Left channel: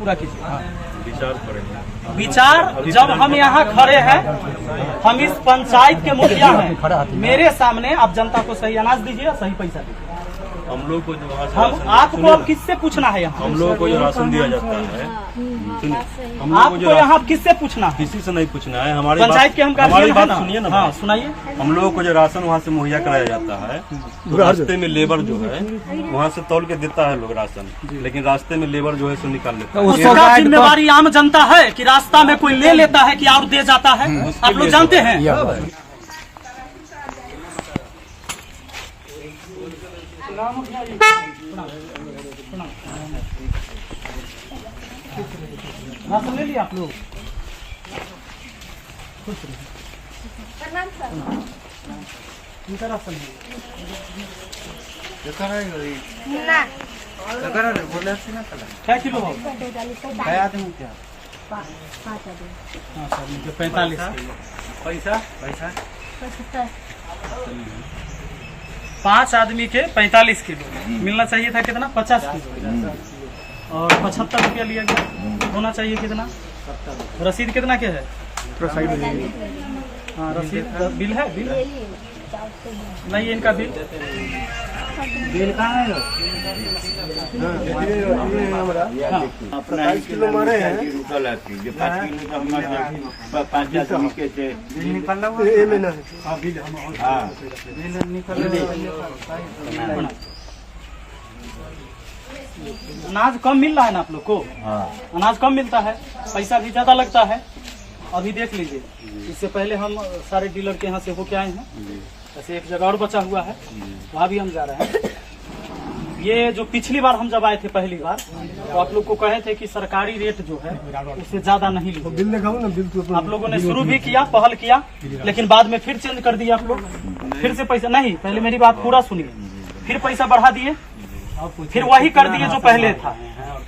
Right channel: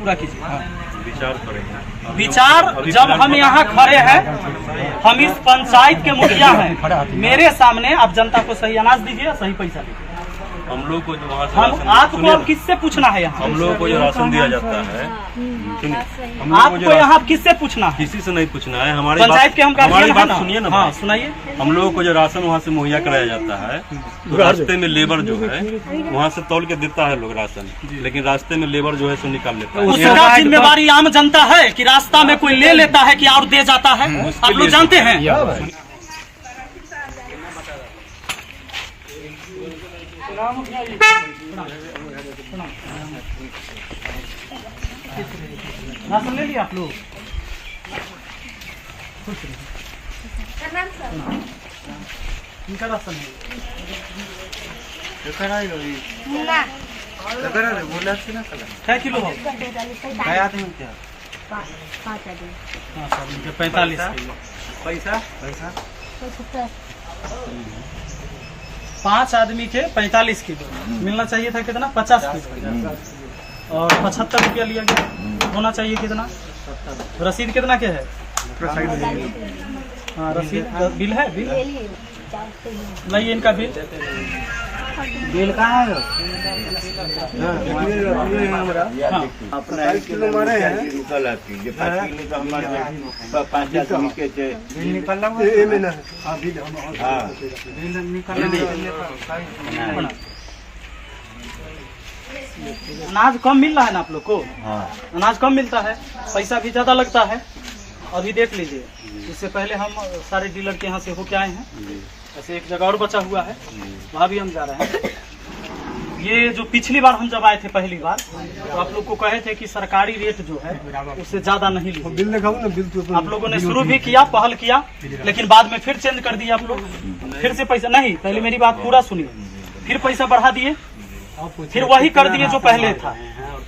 पूरा कीजिए। विचार करेंगे। विचार जब हम यहाँ खड़े हैं, हम इस पंचायत के मुखिया हैं, मेरे सामने आप जनता को सही अनाज दीजिए, सही पैसा दीजिए। हम लोग को जो वहाँ से हम आपको अब किससे पूछना है यहाँ? हम लोगों को जो राशन दिया जाता है, आपको यहाँ किससे पूछना है? किसी से नहीं पूछना है। हमारी पंचायत के हम गार्जियन हैं ना। सुनिए ना। हाँ सुनाइए। हम लोगों को जो राशन वहाँ से मुहैया कराया जाता है, तो रास्ते में लेबर जो है वहाँ से तौल के देता है लोग राशन, लेकिन रास्ते में लेबर जो है सो निकाल लेता है। उसका जिम्मेवारी आम जनता है कि रास्ता में कोई ले लेता है कि और दे जाता है? आप लोग जानते हैं। राशन ले लिया आप लोग? इनका राशन है। क्या किलो हो? 45 किलो। पैसा 5 आदमी के 45 किलो मिलना चाहिए था। कितना? 50 किलो। और 75 रुपया लिया गया। होना चाहिए कितना? रसीद कितना के है? हाँ रसीद बिल है। बिल नहीं है इनका बिल। बिल कहाँ है? हाँ 5 किलो मारे हैं। 5 किलो तो हमारे 5 आदमी के थे। अनाज कम मिल रहा है ना आप लोग को? अनाज कम मिलता है, पैसा भी ज्यादा लगता है। अभी देख लीजिए, इससे पहले हम सारे डीलर के यहाँ से होके आए हैं। ऐसे एक जगह और बचा हुआ है, वहाँ भी हम जा रहे हैं। ये जो पिछली बार हम जब आए थे पहली बार, तो आप लोग को कहे थे कि सरकारी रेट जो है उससे ज्यादा नहीं लीजिए। बिल लगाओ ना। बिल तो आप लोगों ने शुरू भी किया, पहल किया, लेकिन बाद में फिर चेंज कर दिया आप लोग। फिर से पैसा नहीं, पहले मेरी बात पूरा सुनिए। फिर पैसा बढ़ा दिए, फिर वही कर दिए जो पहले था।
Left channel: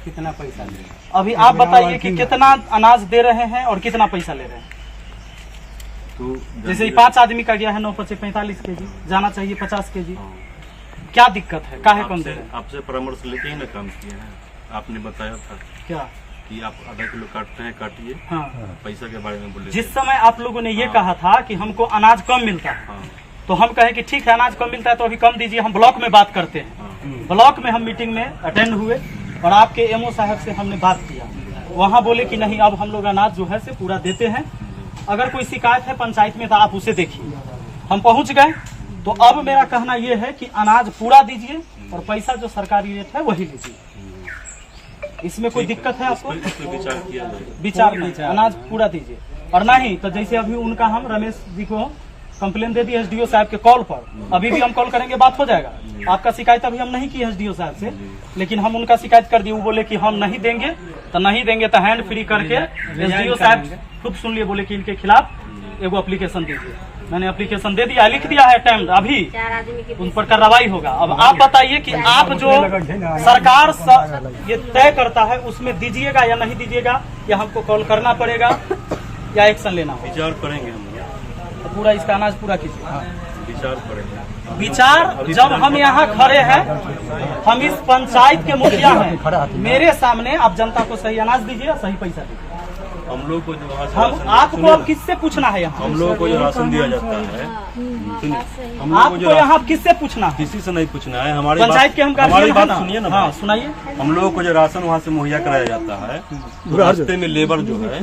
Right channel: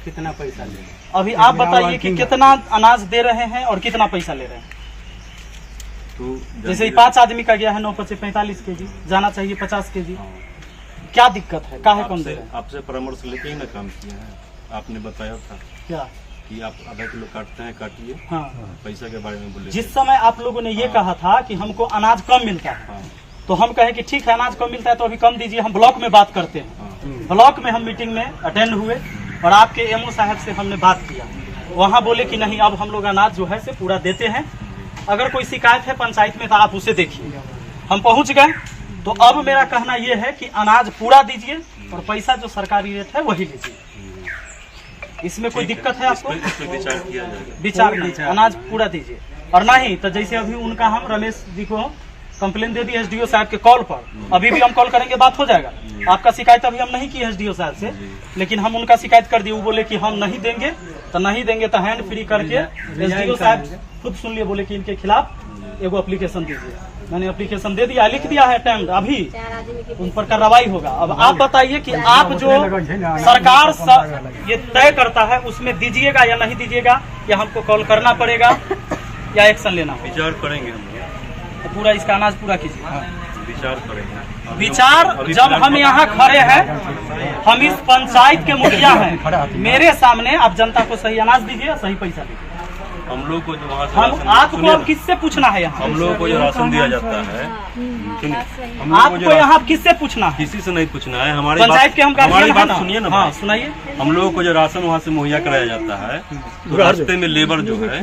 कितना पैसा ले? अभी आप बताइए कि कितना अनाज दे रहे हैं और कितना पैसा ले रहे हैं? तो जैसे 5 आदमी का गया है 9 × 45 केजी, जाना चाहिए 50 केजी। क्या दिक्कत है? काहे कम दे रहे हैं? आपसे परामर्श लेके ही ना काम किया है। आपने बताया था क्या कि आप आधा किलो काटते हैं, काटिए। हाँ, पैसा के बारे में बोले। जिस समय आप लोगों ने ये कहा था कि हमको अनाज कम मिलता है, हाँ तो हम कहे कि ठीक है अनाज कम मिलता है तो अभी कम दीजिए, हम ब्लॉक में बात करते हैं। हाँ ब्लॉक में हम मीटिंग में अटेंड हुए और आपके एमओ साहब से हमने बात किया। वहाँ बोले कि नहीं, अब हम लोग अनाज जो है से पूरा देते हैं। अगर कोई शिकायत है पंचायत में तो आप उसे देखिए। हम पहुँच गए, तो अब मेरा कहना यह है कि अनाज पूरा दीजिए और पैसा जो सरकारी रेट है वही लीजिए। इसमें कोई दिक्कत है आपको? इस पे विचार किया जाएगा। विचार नहीं, अनाज पूरा दीजिए। और नहीं तो जैसे अभी उनका हम रमेश जी को कंप्लेन दे दी एसडीओ साहब के कॉल पर, अभी भी हम कॉल करेंगे, बात हो जाएगा। आपका शिकायत अभी हम नहीं की एसडीओ साहब से, लेकिन हम उनका शिकायत कर दिए। वो बोले कि हम नहीं देंगे तो हैंड फ्री करके एसडीओ साहब खुद सुन लिए, बोले कि इनके खिलाफ एगो एप्लीकेशन दीजिए। मैंने एप्लीकेशन दे दिया, लिख दिया है अटेम्प्ट, अभी उन पर कार्रवाई होगा। अब आप बताइए कि आप जो सरकार ये तय करता है उसमें दीजिएगा या नहीं दीजिएगा, या हमको कॉल करना पड़ेगा या एक्शन लेना होगा? विचार करेंगे हम लोग। तो पूरा इसका अनाज पूरा कीजिए। विचार करेंगे। विचार जब हम यहाँ खड़े हैं, हम इस पंचायत के मुखिया हैं, मेरे सामने आप जनता को सही अनाज दीजिए, सही पैसा दीजिए। हम लोग को जो वहाँ से हम आपको अब किससे पूछना है यहाँ? हम लोगों को जो राशन दिया जाता है, आपको यहाँ किससे पूछना है? किसी से नहीं पूछना है। हमारी पंचायत के हम गार्जियन हैं ना। सुनिए ना। हाँ सुनाइए। हम लोगों को जो राशन वहाँ से मुहैया कराया जाता है, तो रास्ते में लेबर जो है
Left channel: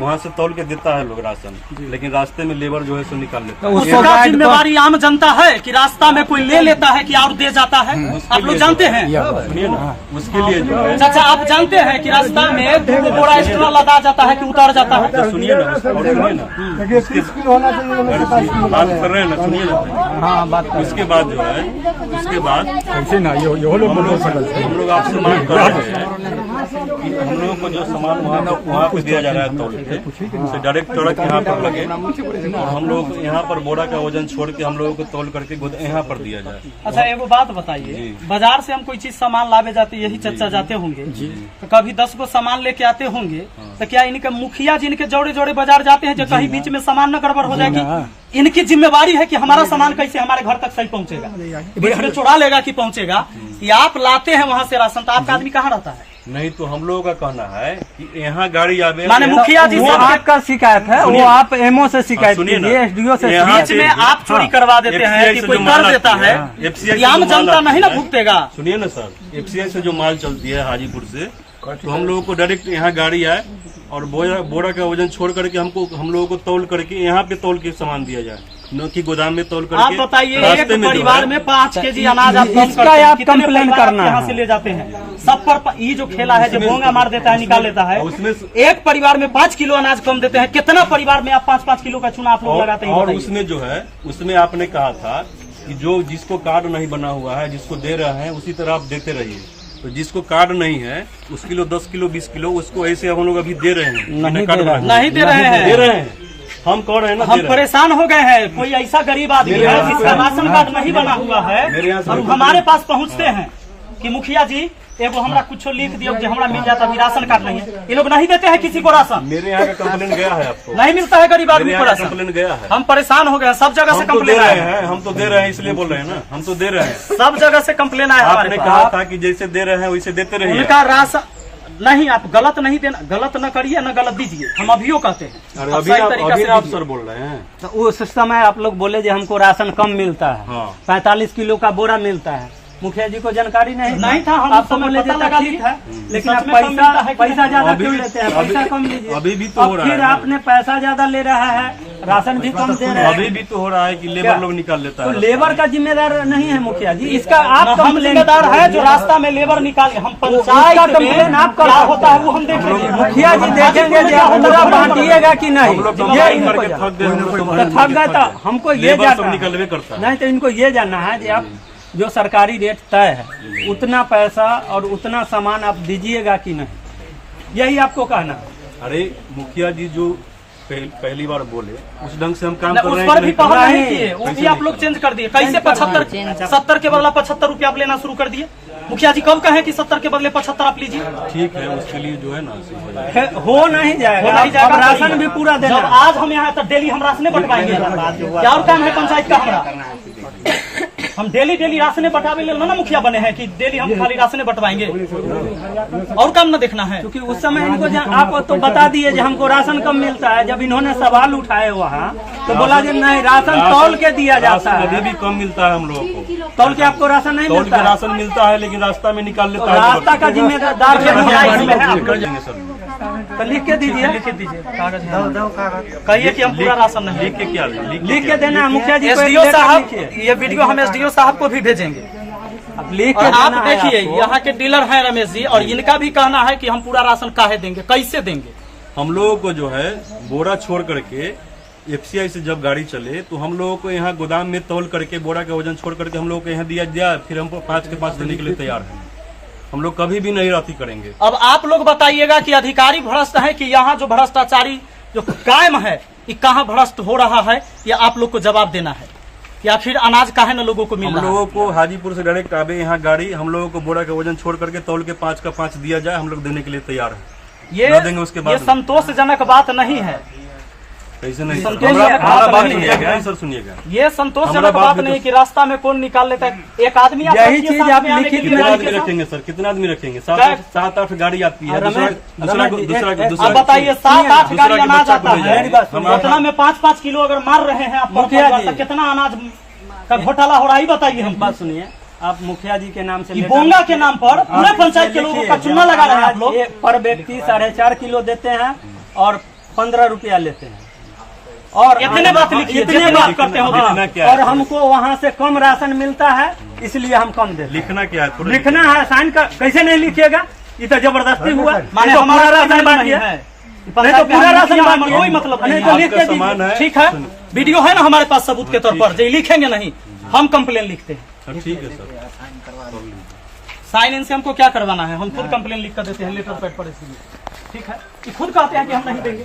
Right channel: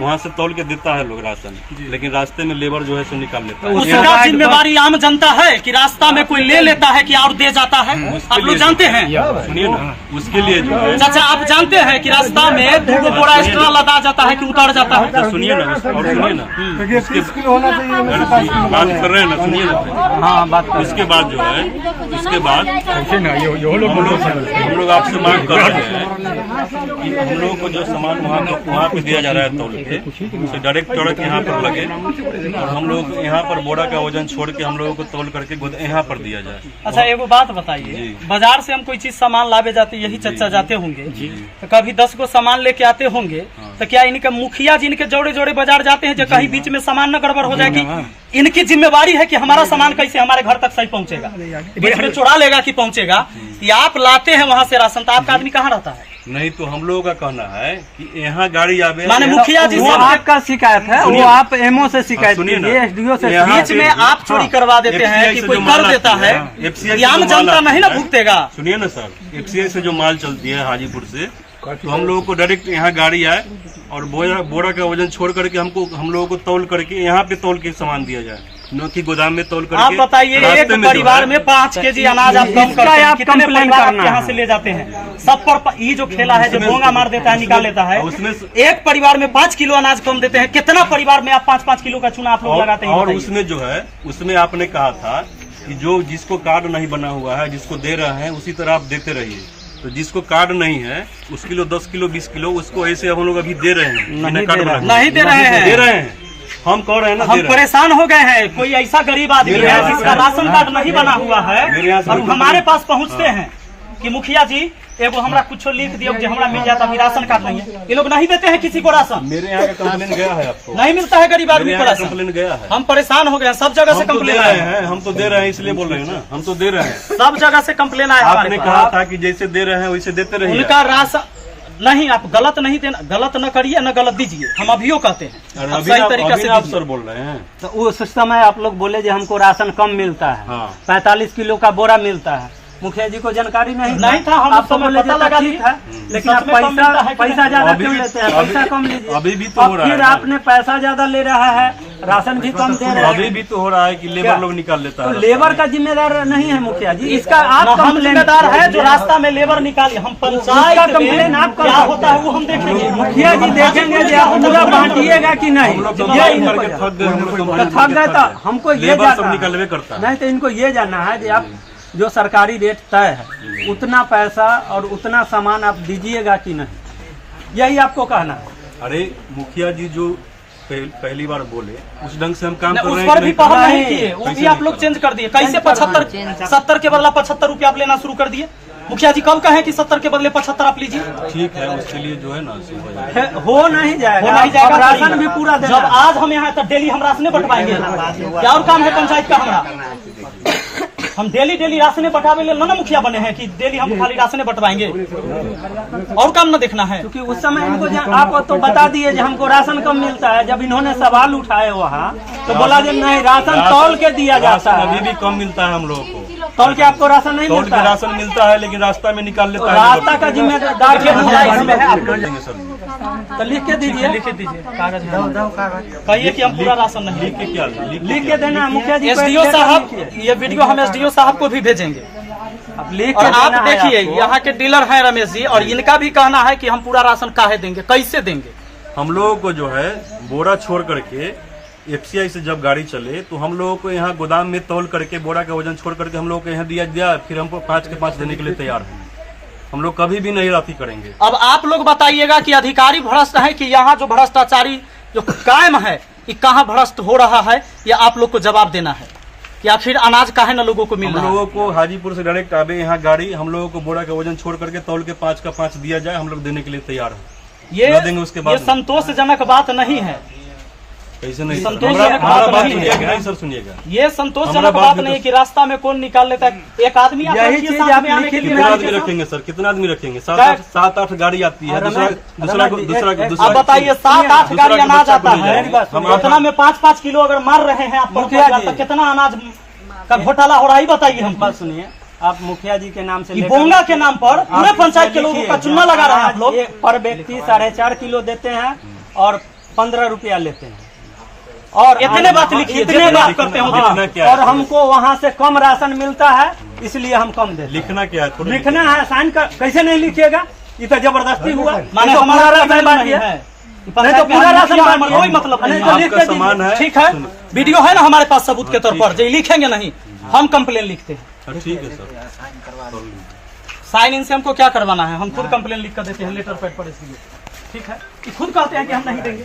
वहाँ से तौल के देता है लोग राशन, लेकिन रास्ते में लेबर जो है सो निकाल लेता है। उसका जिम्मेवारी आम जनता है कि रास्ता में कोई ले लेता है कि और दे जाता है? आप लोग जानते हैं। सुनिए ना, उसके लिए जो है चाचा आप जानते हैं कि रास्ता में 2 बोरा एक्स्ट्रा लदा जाता है कि उतर जाता है? सुनिए ना, और सुनिए ना, 30 किलो होना चाहिए। बात कर रहे हैं ना, सुनिए ना। हाँ बात कर। उसके बाद जो है, उसके बाद हम लोग आपसे मांग कर रहे हैं कि हम लोगों को जो सामान वहाँ पे दिया जा रहा है तौल के, उसे डायरेक्ट ट्रक यहाँ पर लगे और हम लोग यहाँ पर बोरा का वजन छोड़ के हम लोगों को तौल करके यहाँ पर दिया जाए। अच्छा एगो बात बताइए, बाजार से हम कोई चीज सामान लावे जाते, यही चर्चा जाते होंगे, तो कभी 10 गो सामान लेके आते होंगे, तो क्या इनके मुखिया जी इनके जोड़े जोड़े बाजार जाते हैं जो कहीं बीच में सामान न गड़बड़ हो जाए? कि इनकी जिम्मेवारी है कि हमारा सामान कैसे हमारे घर तक सही पहुंचेगा? बीच में चुरा लेगा कि पहुंचेगा? या आप लाते हैं वहाँ से राशन, तो आपका आदमी कहाँ रहता है? नहीं तो हम लोगों का कहना है कि यहाँ गाड़ी आवे, माने मुखिया जी वो सब आपका शिकायत है, वो आप एमओ से शिकायत सुनिए ना, कीजिए, एसडीओ से। यहाँ बीच में आप चोरी करवा देते हैं FCI कि से कोई जो कर माल देता आती है, FCI से आम जो माल जनता आती नहीं ना है, भुगतेगा। सुनिए ना सर, FCI से जो माल चलती है हाजीपुर से, तो हम लोगों को डायरेक्ट यहाँ गाड़ी आए और बोरा का वजन छोड़ करके हम लोगों को तौल करके यहाँ पे तौल के सामान दिया जाए, न कि गोदाम में तौल करके। आप बताइए, एक रास्ते में जो परिवार है, में 5 केजी अनाज आप कम इसका करते हैं, आप कितने कंप्लेन परिवार करना यहाँ है। से ले जाते हैं? सब पर ये जो खेला है, जो भोंगा मार देता है, निकाल लेता है, उसमें एक परिवार में 5 किलो अनाज कम देते हैं। कितना परिवार में आप 5-5 किलो का चूना आप लोग लगाते हैं? और बताइए। उसमें जो है, उसमें आपने कहा था कि जो जिसको कार्ड नहीं बना हुआ है, जिसको दे रहे हैं उसी तरह आप देते रहिए। तो जिसको कार्ड नहीं है उस किलो 10 किलो 20 किलो उसको ऐसे हम लोग अभी दे रहे हैं, बिना कार्ड बना हुए। नहीं दे रहे हैं, दे रहे हैं, हम कह रहे हैं ना, हम दे रहे हैं। परेशान हो गए हैं। कोई ऐसा गरीब आदमी मेरे है यहाँ से जिसका कोई- राशन कार्ड नहीं बना हुआ है मेरे यहाँ से और कोई- हमारे पास पहुँचते हैं कि मुखिया जी एगो हमरा कुछ लिख दियो कि हमरा मिल जाता, अभी राशन कार्ड नहीं है। ये लोग नहीं देते हैं किसी को राशन, मेरे यहाँ का कंप्लेन गया है आपको? नहीं मिलता है गरीब मेरे आदमी को यहाँ का राशन। कंप्लेन गया है। हम परेशान हो गए हैं, सब जगह से हम तो दे कंप्लेन रहे आया है, हैं, हम तो दे रहे हैं, इसलिए बोल रहे हैं ना, हम तो दे रहे हैं। सब जगह से कंप्लेन आया है आपने हमारे कहा पास। था कि जैसे दे रहे हैं वैसे देते रहिए। उनका राशन नहीं, आप गलत नहीं देना, गलत न करिए न गलत दीजिए, हम अभियो कहते हैं। अरे आप अभी सही आप तरीका से आप दीजिए। सर बोल रहे हैं। तो उस समय आप लोग बोले जो हमको राशन कम मिलता है, हाँ। 45 किलो का बोरा मिलता है। मुखिया जी को जानकारी नहीं था, हम आपको समय बोले पता जो लगा ठीक लिए। है, लेकिन सच आप में कम मिलता है कि पैसा नहीं? ज्यादा अभी क्यों भी- लेते हैं? अभी- पैसा कम लीजिए। अभी भी तो अब हो रहा है फिर ना। आपने पैसा ज्यादा ले रहा है, राशन भी कम दे रहे अभी हैं, भी तो हो रहा है कि लेबर लोग निकाल लेता तो है। लेबर का जिम्मेदार नहीं है मुखिया जी, इसका आप हम कंप्लेन जिम्मेदार है जो रास्ता में लेबर निकालिए। हम पंचायत उसका में कंप्लेन आप क्या करो। होता है वो हम देखेंगे। मुखिया जी देखेंगे क्या होता है वो हम बांटिएगा कि नहीं, हम लोग ये कंप्लेन इनको करके थक गए, हम लोग कंप्लेन थक गए करके तो हमको ये लेबर जानना सब है। निकलवे करता है। नहीं तो इनको ये जानना है कि आप जो सरकारी रेट तय है उतना पैसा और उतना सामान आप दीजिएगा कि नहीं, यही आपको कहना है। अरे मुखिया जी जो पहली बार बोले उस ढंग से हम काम कर उस रहे हैं पर कि भी नहीं पहल कर रहे नहीं हैं? किए, वो कैसे भी आप नहीं लोग कर चेंज कर दिए। कैसे चेंज करना 70 के बदला 75 रुपया आप लेना शुरू कर दिए? मुखिया जी कब कहे कि 70 के बदले 75 आप लीजिए? ठीक है, उसके लिए जो है ना सही हो जाएगा। हो नहीं जाएगा, हो नहीं जाएगा, अब राशन भी पूरा देना जब है। आज हम यहाँ तो डेली हम राशने बंटवाएंगे। क्या और काम है पंचायत का हमारा? हम डेली राशने बंटावे ले ना मुखिया बने हैं कि डेली हम खाली राशने बंटवाएंगे, और काम न देखना है। क्योंकि उस समय इनको आप तो बता दिए कि हमको राशन कम मिलता है। जब इन्होंने सवाल उठाए वहाँ तो बोला कि नहीं, राशन तौल के दिया जाता राशन अभी है। भी कम मिलता है हम लोगों को। तौल के आपको राशन नहीं तौल मिलता के है। राशन मिलता है लेकिन रास्ता में निकाल लेता है। रास्ता का जिम्मेदार देखिए, भैया, इसमें है आप लोग। देंगे सर, तो लिख के दीजिए, लिख दीजिए कागज है। कहिए कि हम पूरा राशन नहीं। लिख के क्या लिख के देना है मुखिया जी को। एसडीओ एक साहब, लेटर लिखिए। ये वीडियो हम एसडीओ साहब को भी भेजेंगे। अब लिख और के आप देना है देखिए, आपको। यहाँ के डीलर हैं रमेश जी, और इनका भी कहना है कि हम पूरा राशन काहे देंगे, कैसे देंगे? हम लोगों को जो है बोरा छोड़ करके FCI से जब गाड़ी चले तो हम लोगों को यहाँ गोदाम में तौल करके बोरा का वजन छोड़ करके हम लोगों को यहाँ दिया, फिर हमको 5 के 5 देने के लिए तैयार हैं। हम लोग कभी भी नहीं राती करेंगे। अब आप लोग बताइएगा कि अधिकारी भ्रष्ट है कि यहाँ जो भ्रष्टाचारी जो कायम है ये कहाँ भ्रष्ट हो रहा है, या आप लोग को जवाब देना है, या फिर अनाज काहे न लोगों को मिल हम रहा है? लोगों को हाजीपुर से डायरेक्ट आवे यहाँ गाड़ी, हम लोगों को बोरा का वजन छोड़ करके तौल के 5 का 5 दिया जाए, हम लोग देने के लिए तैयार हैं। न देंगे उसके बाद ये संतोषजनक बात नहीं है। कैसे नहीं सर? संतोषजनक हमारा बात बात नहीं सुनिएगा है। कि नहीं सर, सुनिएगा। ये संतोषजनक हमारा बात बात भी नहीं तो- कि रास्ता में कौन निकाल लेता है। एक आदमी आता है, यही ये चीज साथ आप में आने के लिखित लिए में कितना गाड़ी आदमी के साथ- रखेंगे सर? कितना आदमी रखेंगे? क्या? 7-8 गाड़ी आती है। दूसरा रमेश, दूसरा रमेश, दूसरा एक- दूसरा अब बताइए 7-8 दूसरा गाड़ी के अनाज बच्चा को आता ले है, जाएंगे। हम उतना में 5-5 किलो अगर मार रहे हैं आप, मुखिया तो जी। कितना अनाज का घोटाला हो रहा है बताइए हम। बात सुनिए, आप मुखिया जी के नाम से कि लेटर- बोंगा के नाम पर पूरे आप पंचायत के लोगों देखिए, का चुना लगा रहे हैं आप लोग। एक पर व्यक्ति 4.5 किलो देते हैं और 15 रुपया लेते हैं। और इतने बात लिखिए, इतने जितने बात बात करते हैं हाँ, लिखना क्या है? और हमको वहाँ से कम राशन मिलता है, इसलिए हम कम देते हैं। लिखना क्या है? थोड़ा लिखना है, साइन कर, कैसे नहीं लिखिएगा? ये तो जबरदस्ती हुआ। माने नहीं तो हमारा पूरा राशन राशन नहीं बांटिए। है, नहीं तो पूरा राशन बांटिए। कोई मतलब नहीं तो है। लिख के आपका दीजिए। सामान है। ठीक है, वीडियो है ना हमारे पास सबूत के तौर पर, जो लिखेंगे नहीं हम कंप्लेन लिखते हैं। हाँ, ठीक है सर। साइन इन से हमको क्या करवाना है? हम खुद कंप्लेन लिख कर देते हैं लेटर पैड पर, इसलिए ठीक है कि खुद कहते हैं कि हम नहीं देंगे।